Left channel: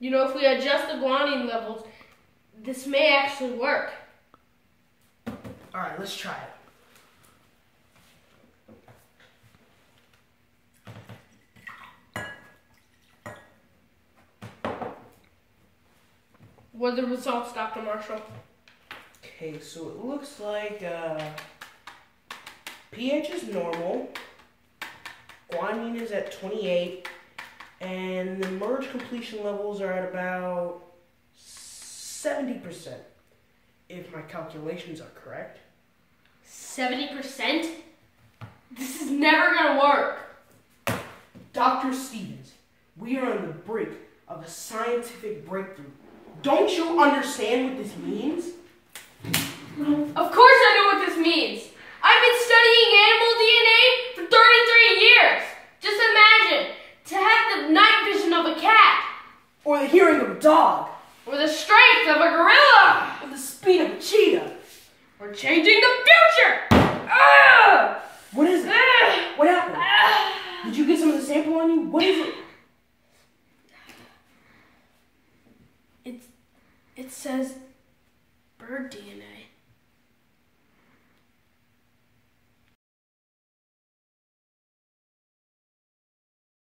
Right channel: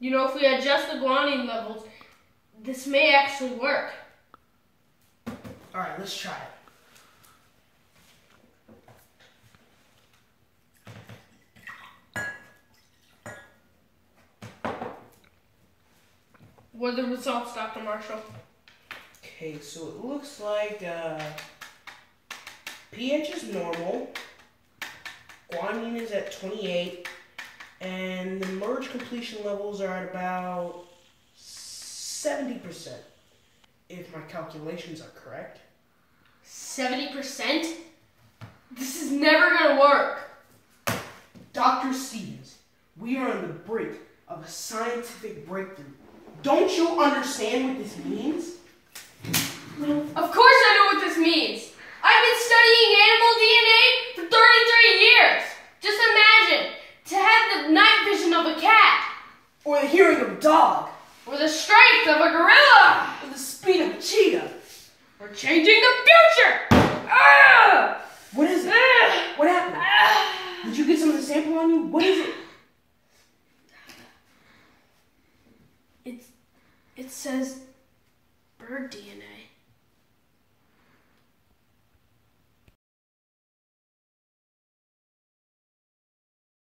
You know, if we adjust the guanine levels, this may actually work. All right, let's try it. What are the results, Dr. Marshall? Okay, so it looks like pH is normal, guanine is at 28, and the merge completion levels are at about 70%, if my calculations are correct. 70%? This is never gonna work. Dr. Stevens, we are on the brink of a scientific breakthrough. Don't you understand what this means? Of course I know what this means. I've been studying animal DNA for 33 years. Just imagine, to have the night vision of a cat. Or the hearing of a dog. Or the strength of a gorilla. Or the speed of a cheetah. Or changing the future. Ah! What is it? What happened? Did you get some of the sample on you? What is it? It says